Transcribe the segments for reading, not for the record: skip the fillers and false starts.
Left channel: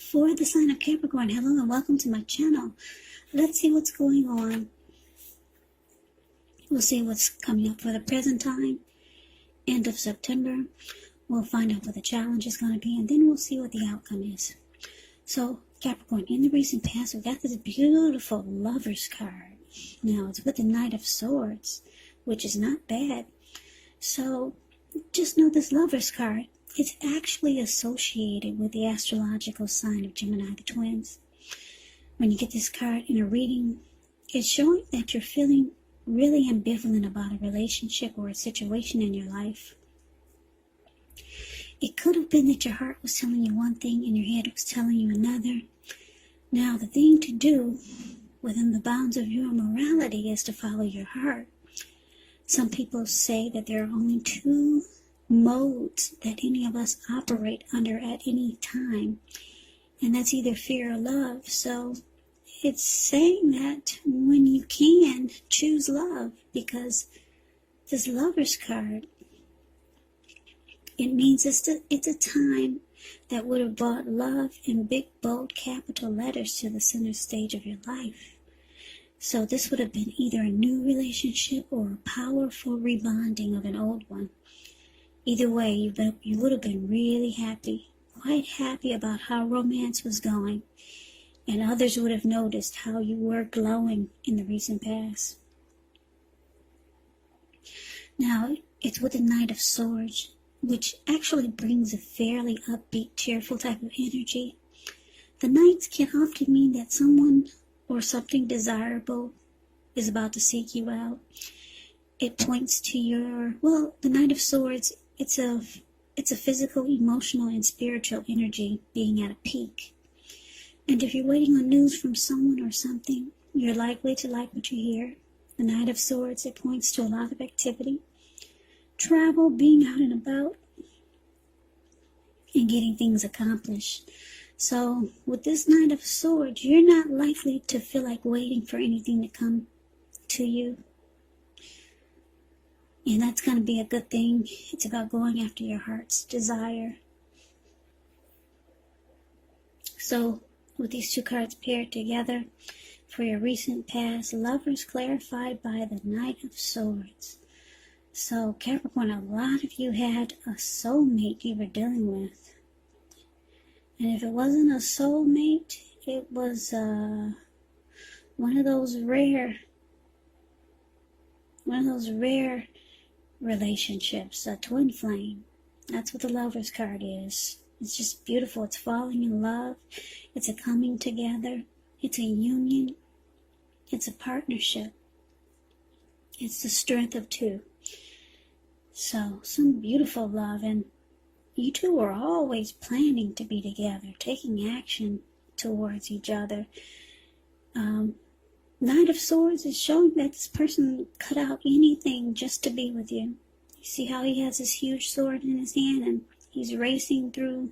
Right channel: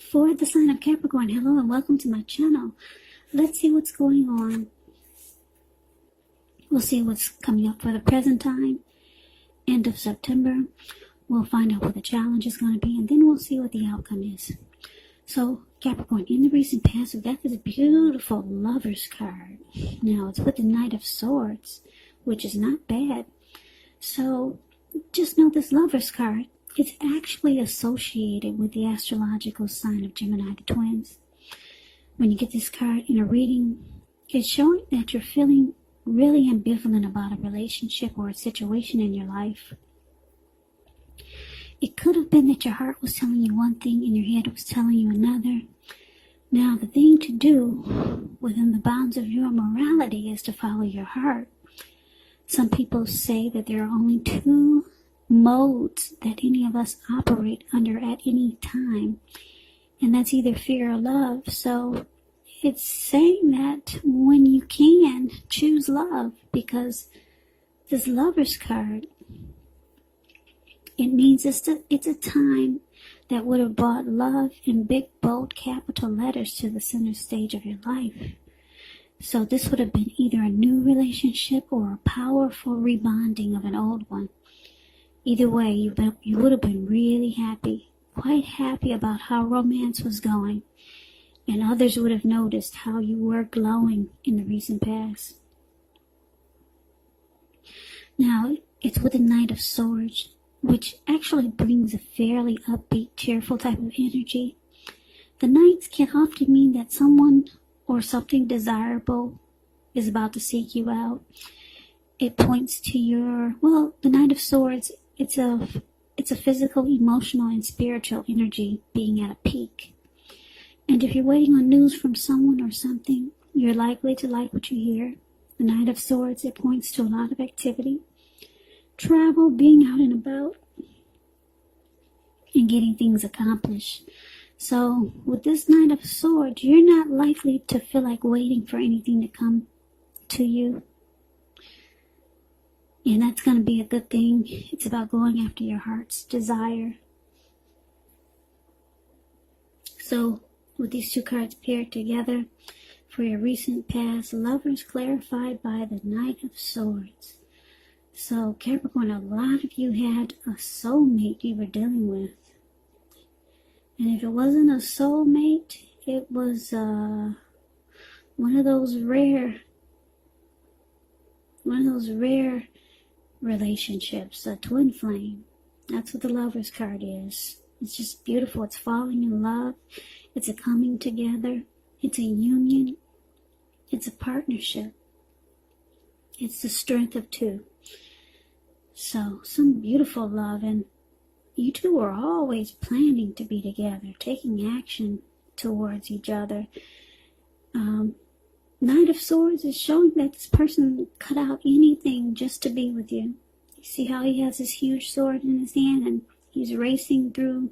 for the sign of Capricorn, hello and welcome to my channel. Let's see what's going on. We'll see what's coming up for the present time. End of September. We'll find out what the challenge is going to be, and then we'll see what the outcome is. So, Capricorn, in the recent past, we've got this beautiful Lover's card. Now, it's with the Knight of Swords, which is not bad. So, just know this Lover's card is actually associated with the astrological sign of Gemini, the twins. When you get this card in a reading, it's showing that you're feeling really ambivalent about a relationship or a situation in your life. It could have been that your heart was telling you one thing and your head was telling you another. Now, the thing to do within the bounds of your morality is to follow your heart. Some people say that there are only two modes that any of us operate under at any time, and that's either fear or love. So it's saying that when you can, choose love, because this Lover's card, it means it's a time that would have brought love in big, bold, capital letters to the center stage of your life. So this would have been either a new relationship or a powerful rebonding of an old one. Either way, you would have been really happy, quite happy about how romance was going, and others would have noticed how you were glowing in the recent past. Now, it's with the Knight of Swords, which actually brings a fairly upbeat, cheerful type of energy. The Knights can often mean that someone or something desirable is about to seek you out. It points to the Knight of Swords, it's a physical, emotional, and spiritual energy being at a peak. And if you're waiting on news from someone or something, you're likely to like what you hear. The Knight of Swords, it points to a lot of activity, travel, being out and about, and getting things accomplished. So with this Knight of Swords, you're not likely to feel like waiting for anything to come to you. And that's going to be a good thing. It's about going after your heart's desire. So with these two cards paired together, for your recent past, Lovers clarified by the Knight of Swords. So Capricorn, a lot of you had a soulmate you were dealing with. And if it wasn't a soulmate, it was one of those rare relationships, a twin flame. That's what the Lover's card is. It's just beautiful. It's falling in love. It's a coming together. It's a union. It's a partnership. It's the strength of two. So, some beautiful love, and you two are always planning to be together, taking action towards each other. Knight of Swords is showing that this person cut out anything just to be with you. You see how he has his huge sword in his hand and he's racing through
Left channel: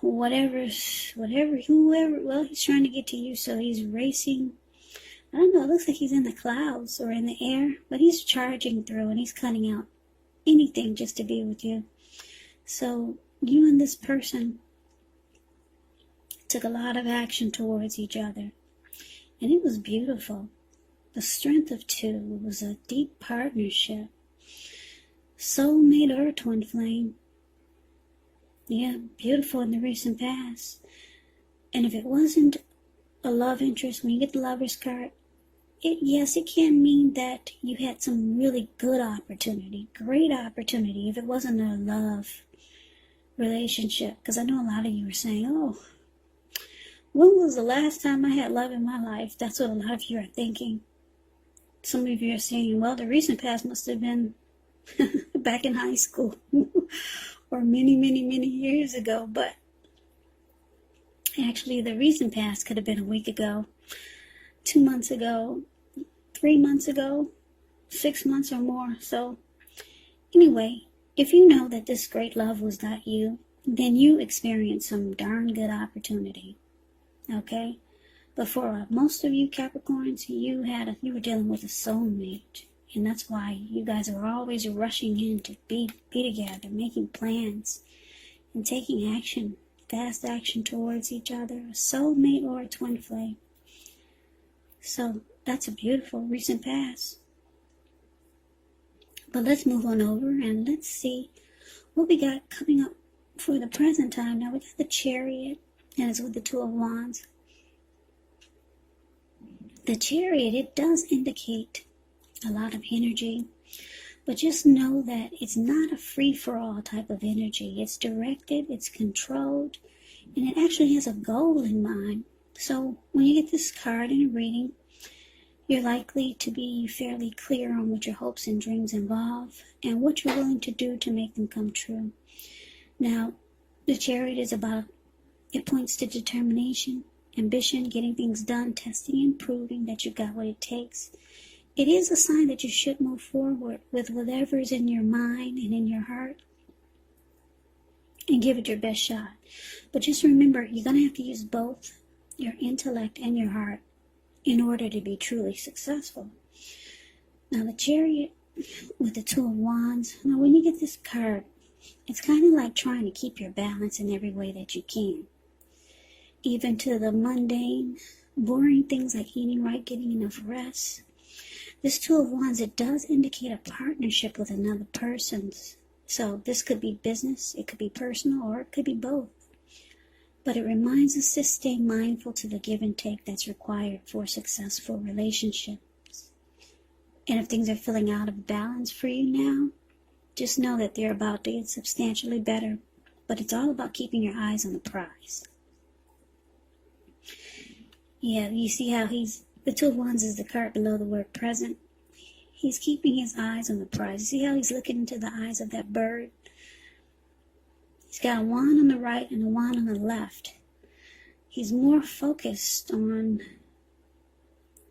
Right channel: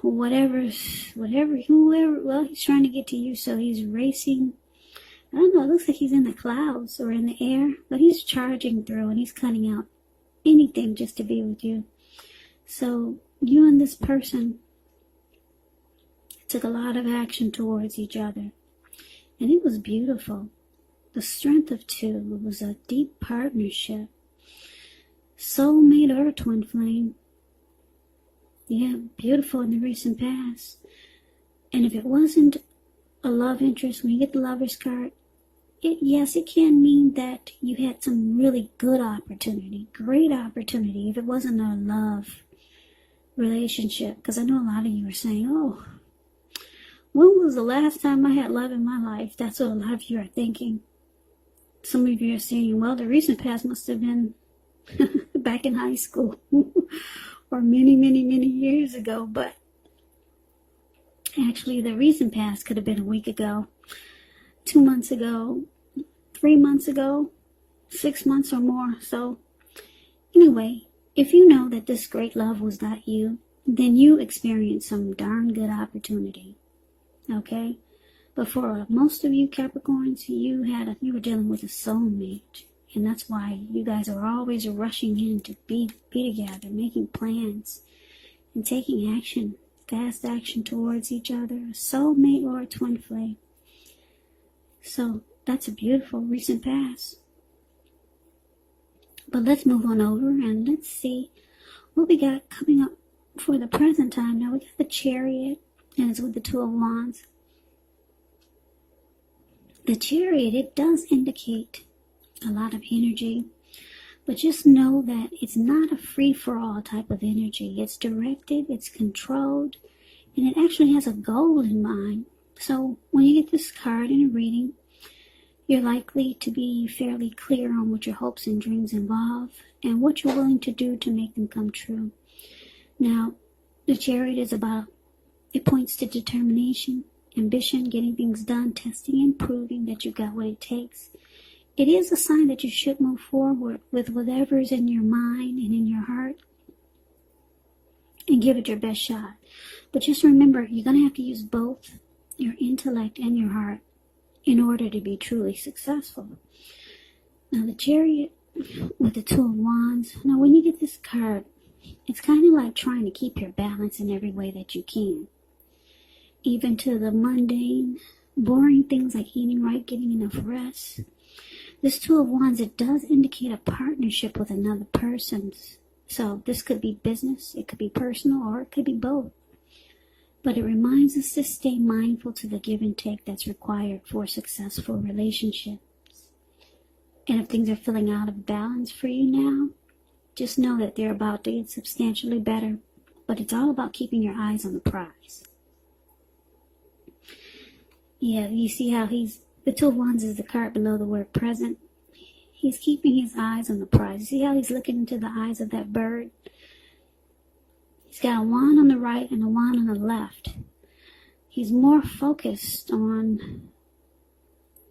whoever, well, he's trying to get to you, so he's racing. I don't know, it looks like he's in the clouds or in the air, but he's charging through and he's cutting out anything just to be with you. So you and this person took a lot of action towards each other, and it was beautiful. The strength of two was a deep partnership. Soulmate or twin flame. Yeah, beautiful in the recent past. And if it wasn't a love interest, when you get the Lover's card, yes, it can mean that you had some really good opportunity, great opportunity, if it wasn't a love relationship. Because I know a lot of you are saying, oh, when was the last time I had love in my life? That's what a lot of you are thinking. Some of you are saying, well, the recent past must have been back in high school or many, many, many years ago. But actually, the recent past could have been a week ago, 2 months ago, 3 months ago, 6 months or more. So anyway, if you know that this great love was not you, then you experienced some darn good opportunity. Okay? But for most of you Capricorns, you were dealing with a soulmate. And that's why you guys are always rushing in to be together, making plans and taking action fast action towards each other, a soulmate or a twin flame. So that's a beautiful recent past. But let's move on over and let's see what we got coming up for the present time. Now we got the Chariot, and it's with the Two of Wands. The Chariot, it does indicate a lot of energy, but just know that it's not a free-for-all type of energy. It's directed, it's controlled, and it actually has a goal in mind. So when you get this card in a reading, you're likely to be fairly clear on what your hopes and dreams involve and what you're willing to do to make them come true. Now, the Chariot is about, it points to determination, ambition, getting things done, testing and proving that you've got what it takes. It is a sign that you should move forward with whatever is in your mind and in your heart and give it your best shot. But just remember, you're going to have to use both your intellect and your heart in order to be truly successful. Now, the Chariot with the Two of Wands, now when you get this card, it's kind of like trying to keep your balance in every way that you can. Even to the mundane, boring things like eating right, getting enough rest. This Two of Wands, it does indicate a partnership with another person. So this could be business, it could be personal, or it could be both. But it reminds us to stay mindful to the give and take that's required for successful relationships. And if things are feeling out of balance for you now, just know that they're about to get substantially better. But it's all about keeping your eyes on the prize. Yeah, you see how the Two of Wands is the card below the word present. He's keeping his eyes on the prize. You see how he's looking into the eyes of that bird? He's got a wand on the right and a wand on the left. He's more focused on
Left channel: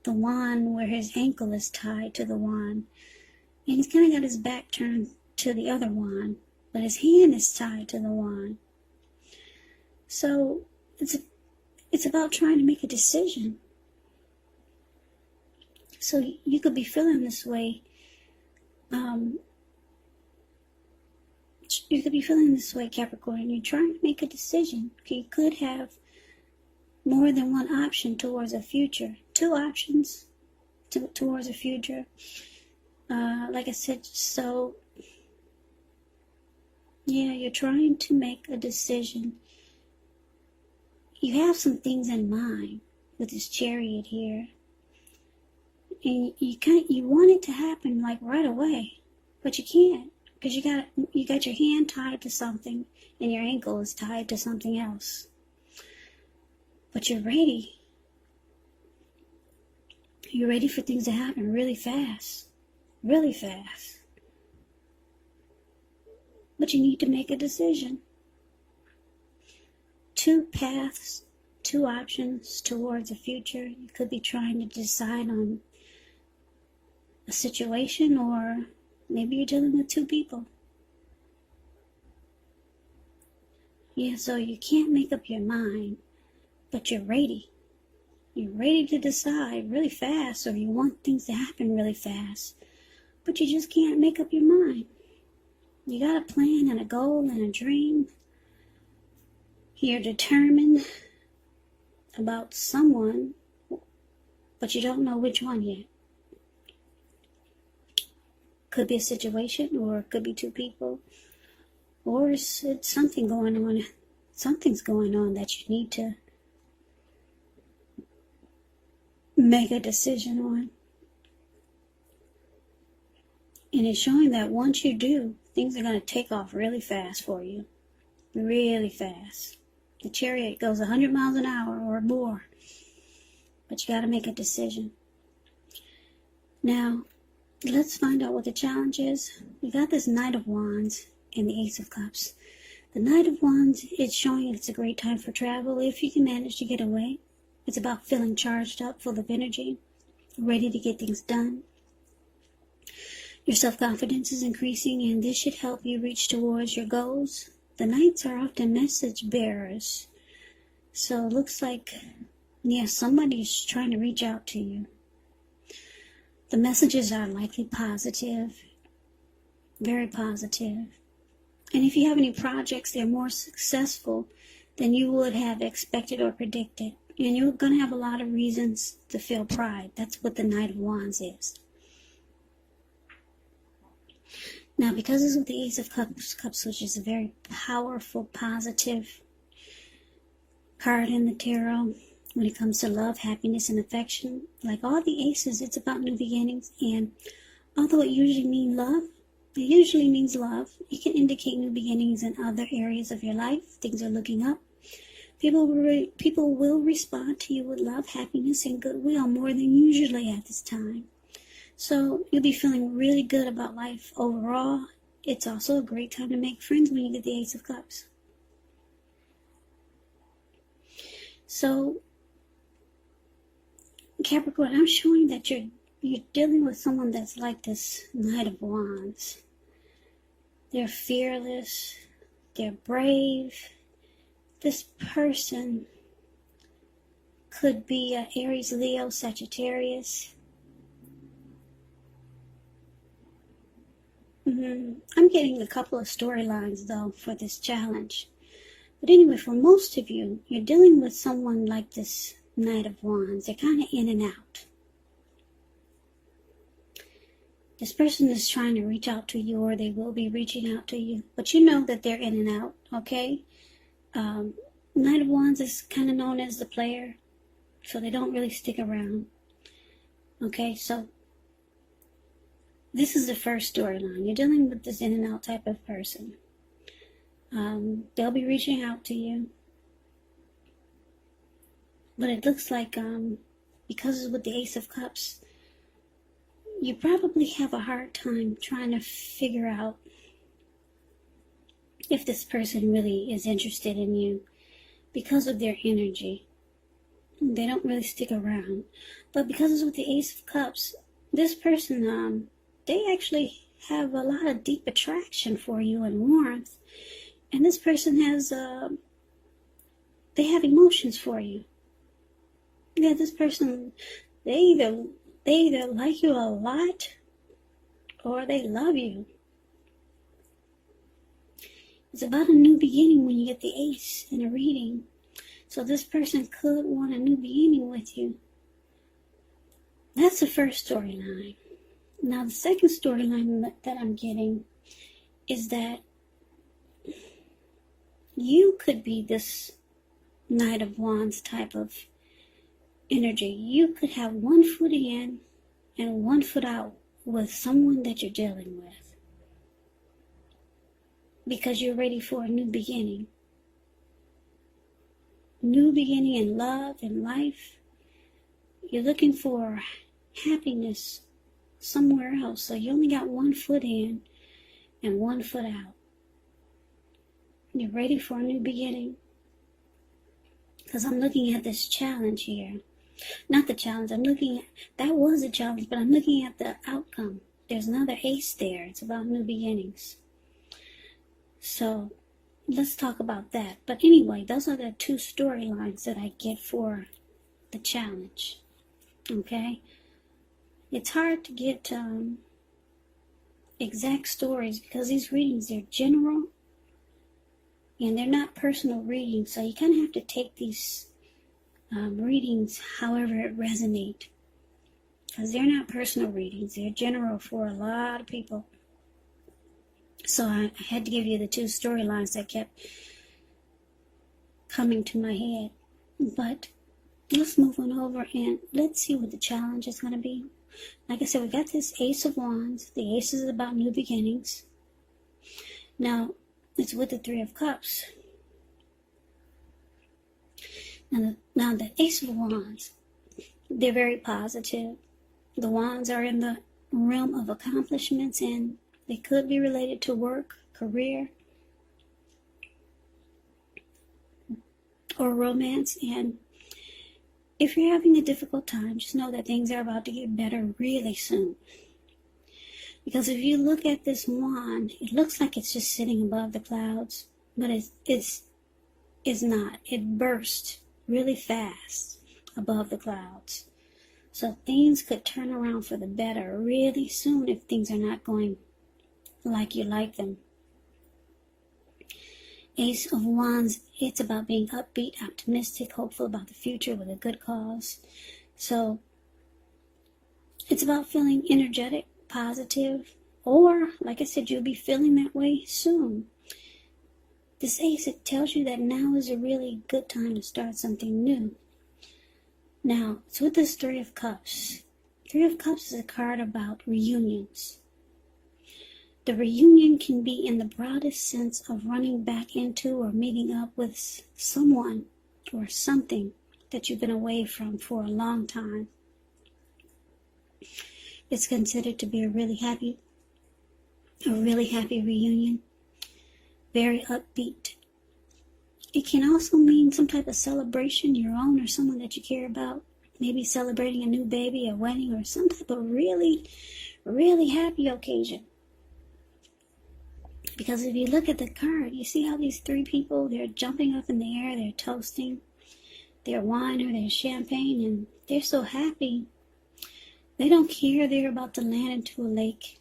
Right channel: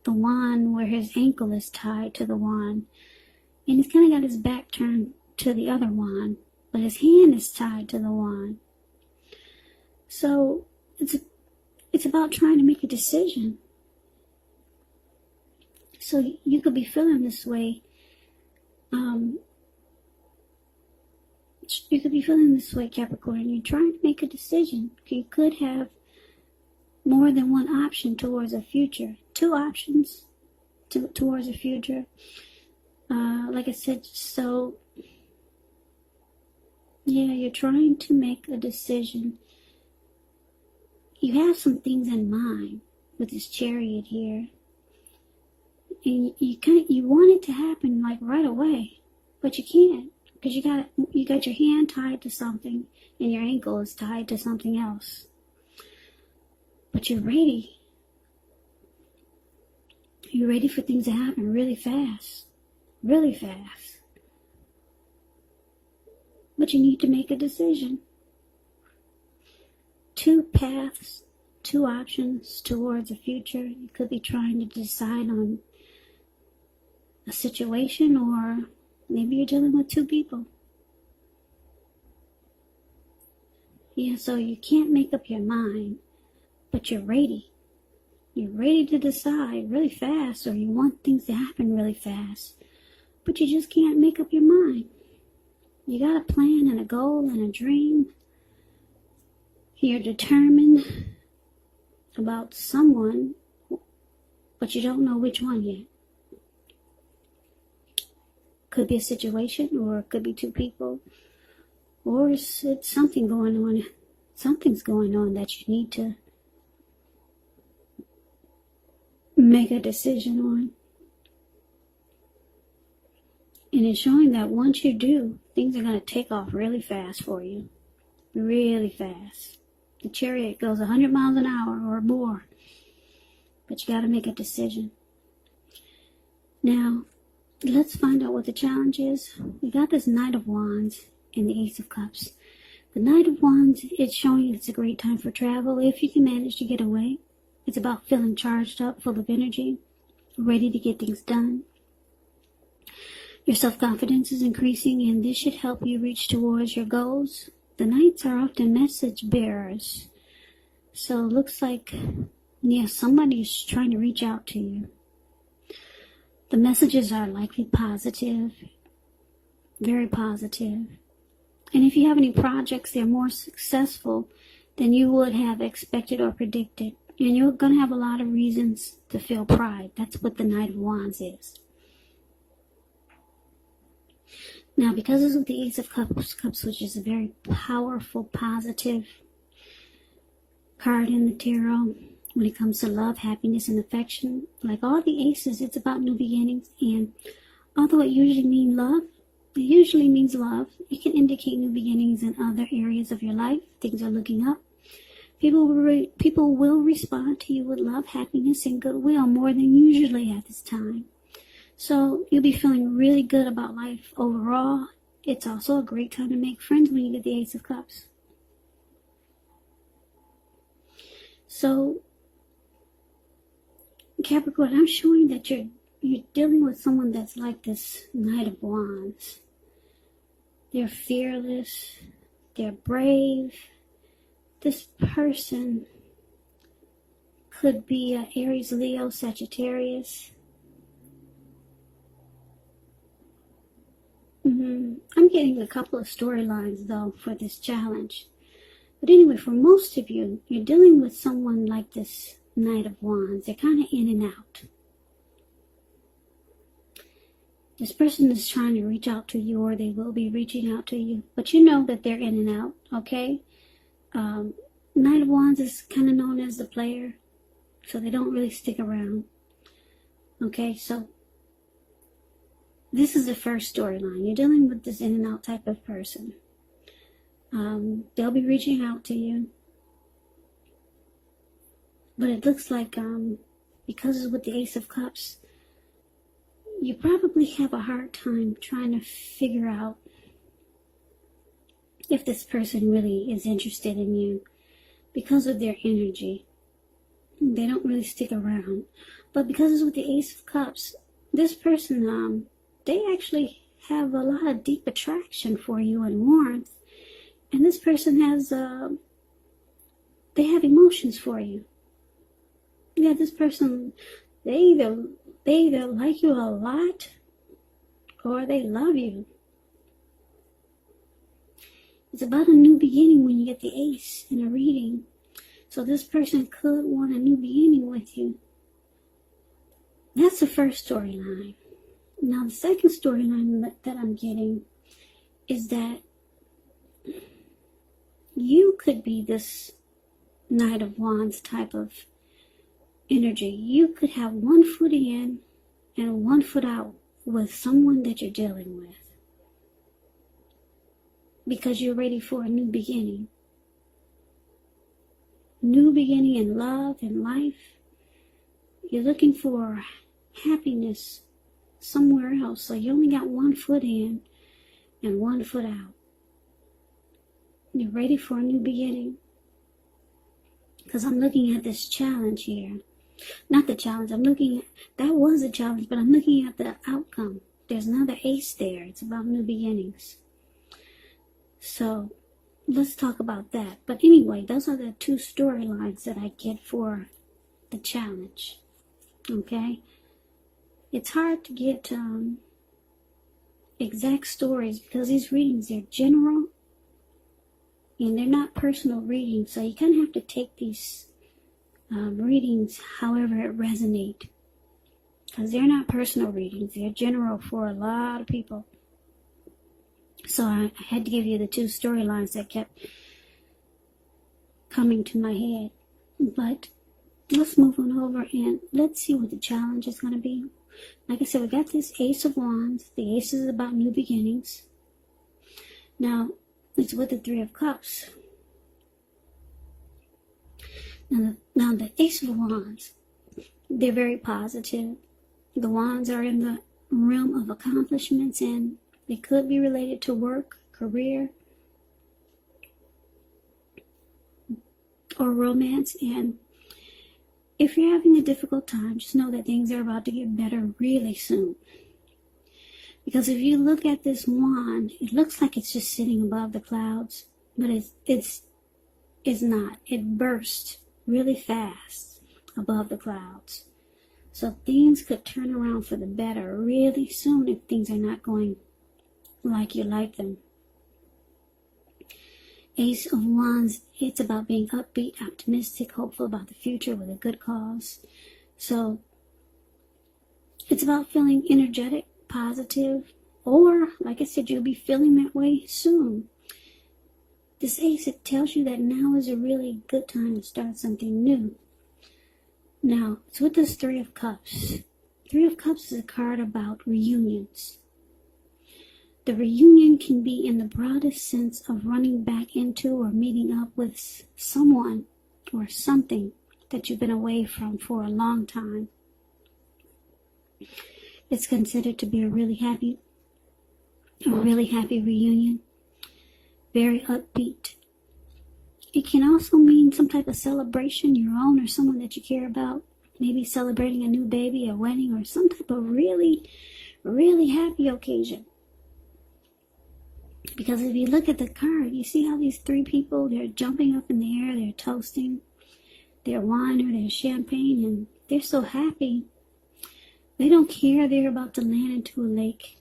the wand where his ankle is tied to the wand. And he's kind of got his back turned to the other wand, but his hand is tied to the wand. So it's about trying to make a decision. So you could be feeling this way. You could be feeling this way, Capricorn. You're trying to make a decision. You could have more than one option towards a future. Two options towards a future. Like I said, so yeah, you're trying to make a decision. You have some things in mind with this Chariot here. And you want it to happen like right away, but you can't, because you got your hand tied to something and your ankle is tied to something else. But you're ready. You're ready for things to happen really fast. Really fast. But you need to make a decision. Two paths, two options towards the future. You could be trying to decide on a situation, or maybe you're dealing with two people. Yeah, so you can't make up your mind, but you're ready. You're ready to decide really fast, or you want things to happen really fast, but you just can't make up your mind. You got a plan and a goal and a dream. You're determined about someone, but you don't know which one yet. Could be a situation, or it could be two people, or it's something going on. Something's going on that you need to make a decision on. And it's showing that once you do, things are going to take off really fast for you. Really fast. The Chariot goes 100 miles an hour or more. But you got to make a decision. Now, let's find out what the challenge is. We got this Knight of Wands and the Ace of Cups. The Knight of Wands is showing it's a great time for travel if you can manage to get away. It's about feeling charged up, full of energy, ready to get things done. Your self-confidence is increasing, and this should help you reach towards your goals. The Knights are often message bearers. So it looks like, yeah, somebody's trying to reach out to you. The messages are likely positive, very positive. And if you have any projects, they're more successful than you would have expected or predicted. And you're going to have a lot of reasons to feel pride. That's what the Knight of Wands is. Now, because it's with the Ace of Cups, which is a very powerful, positive card in the tarot, when it comes to love, happiness, and affection, like all the aces, it's about new beginnings. And although it usually means love, it can indicate new beginnings in other areas of your life. Things are looking up. People will respond to you with love, happiness, and goodwill more than usually at this time. So you'll be feeling really good about life overall. It's also a great time to make friends when you get the Ace of Cups. So, Capricorn, I'm showing that you're dealing with someone that's like this Knight of Wands. They're fearless. They're brave. This person could be an Aries, Leo, Sagittarius. I'm getting a couple of storylines, though, for this challenge. But anyway, for most of you, you're dealing with someone like this Knight of Wands. They're kind of in and out. This person is trying to reach out to you, or they will be reaching out to you. But you know that they're in and out, okay? Knight of Wands is kind of known as the player, so they don't really stick around. Okay, so this is the first storyline. You're dealing with this in and out type of person. They'll be reaching out to you. But it looks like, because it's with the Ace of Cups, you probably have a hard time trying to figure out if this person really is interested in you because of their energy. They don't really stick around. But because it's with the Ace of Cups, this person, they actually have a lot of deep attraction for you and warmth. And this person has, they have emotions for you. Yeah, this person, they either like you a lot or they love you. It's about a new beginning when you get the Ace in a reading. So this person could want a new beginning with you. That's the first storyline. Now the second storyline that I'm getting is that you could be this Knight of Wands type of energy. You could have 1 foot in and 1 foot out with someone that you're dealing with, because you're ready for a new beginning. New beginning in love and life. You're looking for happiness somewhere else. So you only got 1 foot in and 1 foot out. You're ready for a new beginning. Because I'm looking at this challenge here. Not the challenge, I'm looking at, that was a challenge, but I'm looking at the outcome. There's another Ace there. It's about new beginnings. So let's talk about that. But anyway, those are the 2 storylines that I get for the challenge. Okay? It's hard to get exact stories because these readings, they're general and they're not personal readings. So you kind of have to take these readings however it resonates, because they're not personal readings. They're general for a lot of people. So I had to give you the 2 storylines that kept coming to my head. But let's move on over and let's see what the challenge is going to be. Like I said, we got this Ace of Wands. The Ace is about new beginnings. Now, it's with the 3 of Cups. Now the Ace of Wands, they're very positive. The Wands are in the realm of accomplishments, and they could be related to work, career, or romance. And if you're having a difficult time, just know that things are about to get better really soon. Because if you look at this wand, it looks like it's just sitting above the clouds, but it's not. It bursts really fast above the clouds. So things could turn around for the better really soon if things are not going like you like them. Ace of Wands, it's about being upbeat, optimistic, hopeful about the future with a good cause. So it's about feeling energetic, positive, or like I said, you'll be feeling that way soon. This ace, it tells you that now is a really good time to start something new. Now, it's with this Three of Cups. Three of Cups is a card about reunions. The reunion can be in the broadest sense of running back into or meeting up with someone or something that you've been away from for a long time. It's considered to be a really happy reunion. Very upbeat. It can also mean some type of celebration, your own or someone that you care about. Maybe celebrating a new baby, a wedding, or some type of really, really happy occasion. Because if you look at the card, you see how these three people, they're jumping up in the air, they're toasting their wine or their champagne, and they're so happy. They don't care they're about to land into a lake.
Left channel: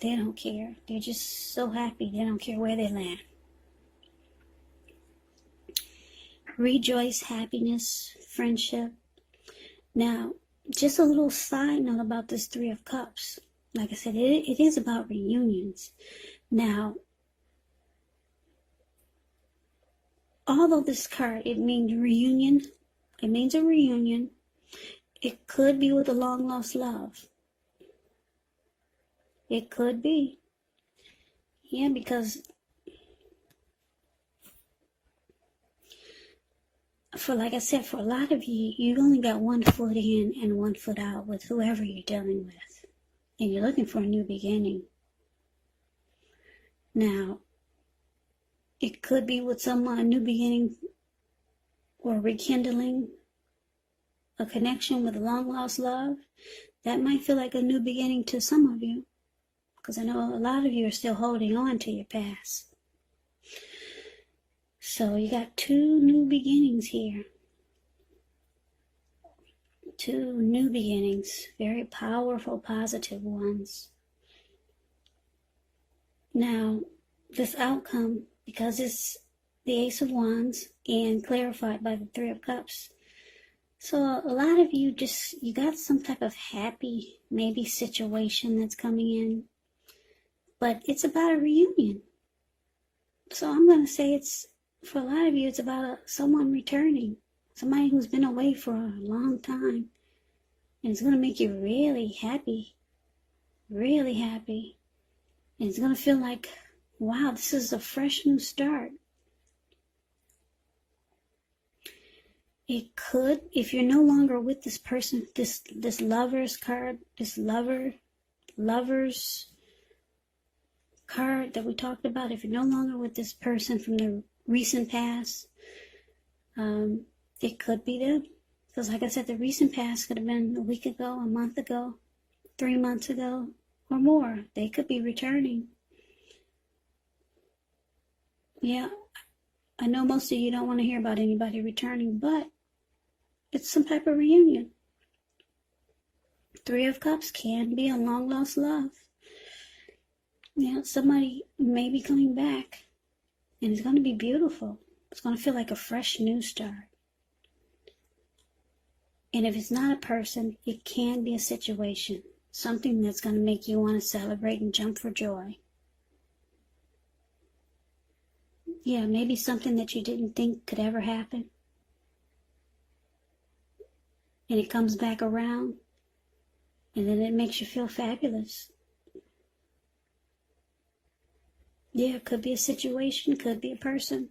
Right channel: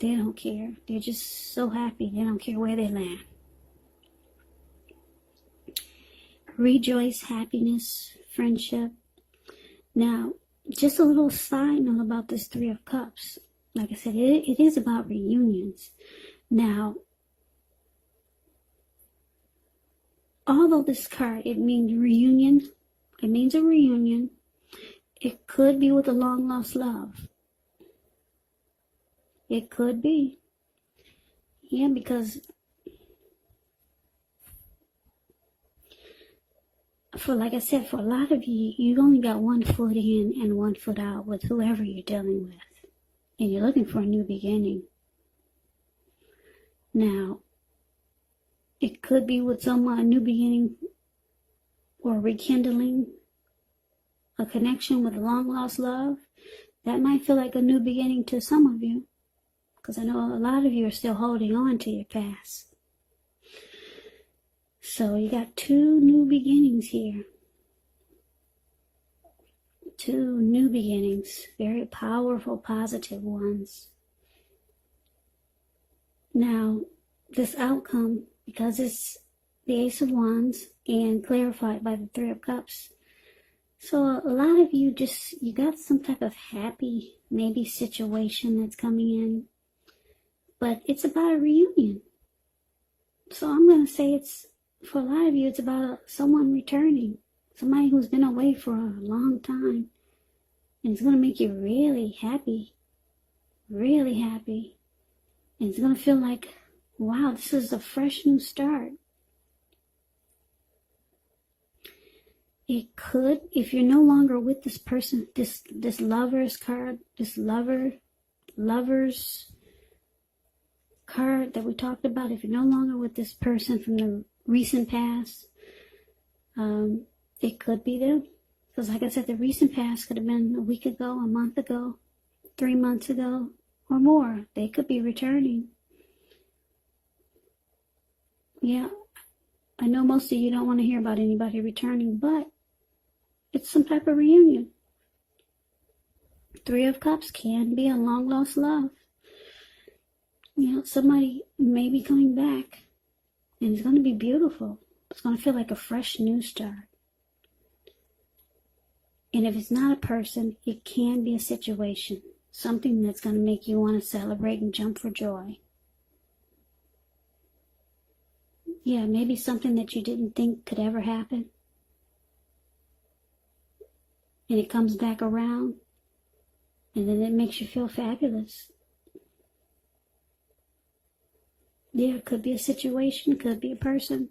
They don't care. They're just so happy. They don't care where they land. Rejoice, happiness, friendship. Now, just a little side note about this Three of Cups. Like I said, it is about reunions. Now, although this card, it means reunion. It means a reunion. It could be with a long-lost love. It could be. Yeah, because like I said, for a lot of you, you've only got 1 foot in and 1 foot out with whoever you're dealing with. And you're looking for a new beginning. Now, it could be with someone, a new beginning or rekindling a connection with a long-lost love. That might feel like a new beginning to some of you. Because I know a lot of you are still holding on to your past. So you got 2 new beginnings here. 2 new beginnings. Very powerful, positive ones. Now, this outcome, because it's the Ace of Wands and clarified by the Three of Cups. So a lot of you you got some type of happy, maybe situation that's coming in. But it's about a reunion. So I'm going to say for a lot of you, it's about someone returning. Somebody who's been away for a long time. And it's going to make you really happy. Really happy. And it's going to feel like, wow, this is a fresh new start. It could, if you're no longer with this person, this lover's card, this lover's card that we talked about, if you're no longer with this person from the recent past, it could be them. Because like I said, the recent past could have been a week ago, a month ago, 3 months ago, or more. They could be returning. Yeah, I know most of you don't want to hear about anybody returning, but it's some type of reunion. Three of Cups can be a long-lost love. You know, somebody may be coming back, and it's going to be beautiful. It's going to feel like a fresh new start. And if it's not a person, it can be a situation. Something that's going to make you want to celebrate and jump for joy. Yeah, maybe something that you didn't think could ever happen. And it comes back around. And then it makes you feel fabulous. Yeah, it could be a situation, it could be a person.